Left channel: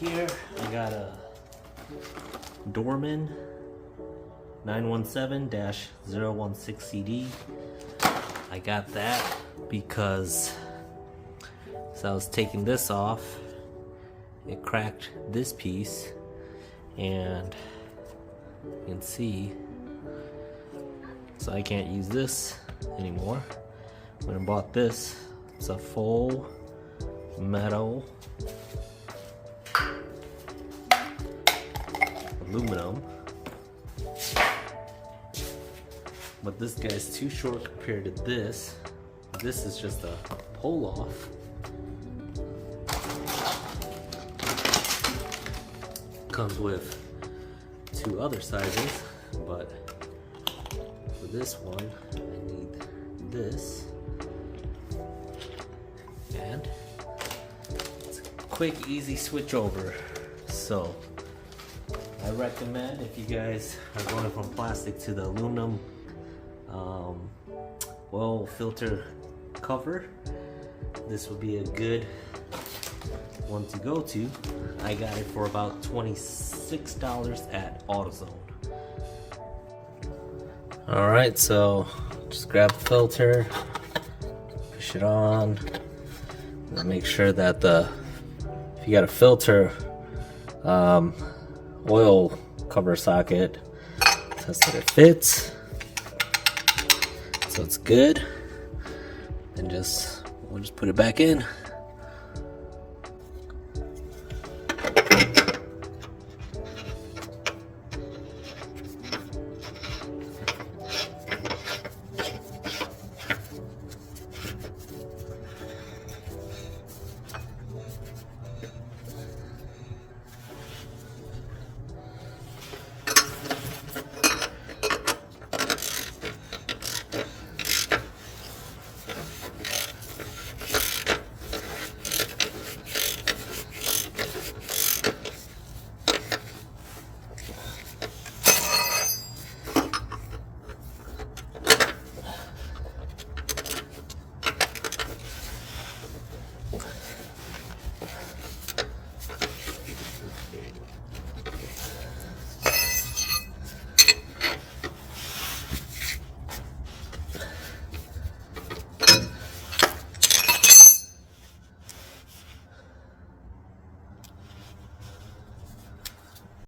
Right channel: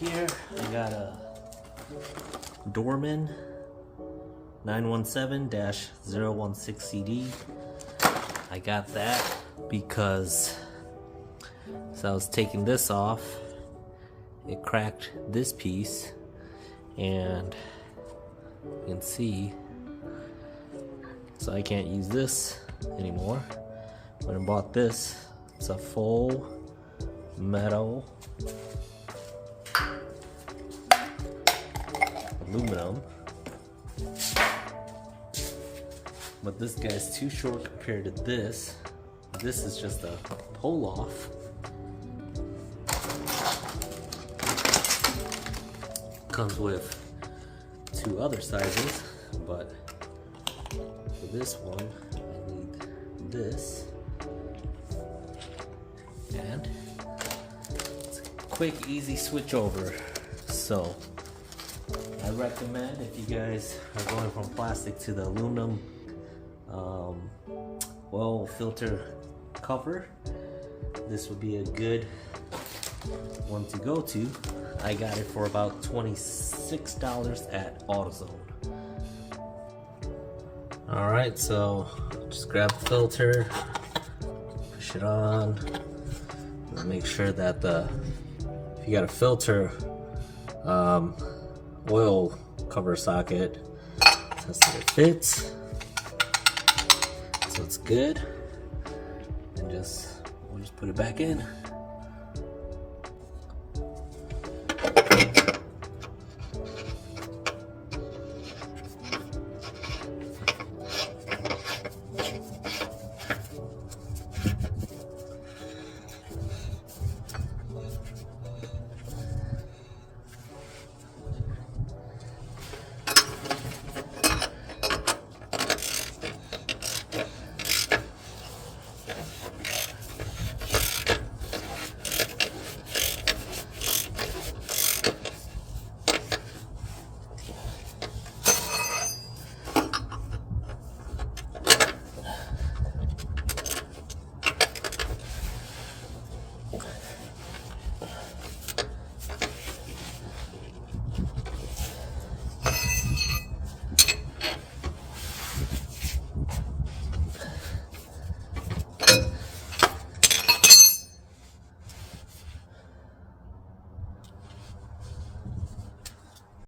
here I got a Dorman 917-016 CD. I got that because as I was taking this off, it cracked this piece, and you can see, so I can't use this anymore. When I bought this, it's a full metal aluminum, but this guy's too short compared to this. This is just a pull off. Comes with two other sizes, but for this one I need this, and it's a quick, easy switch over. So I recommend, if you guys are going from plastic to the aluminum oil filter cover, this would be a good one to go to. I got it for about $26 at AutoZone. Alright, so just grab the filter, push it on, and make sure that if you got a filter oil cover socket, test that it fits, so it's good, and we'll just put it back in.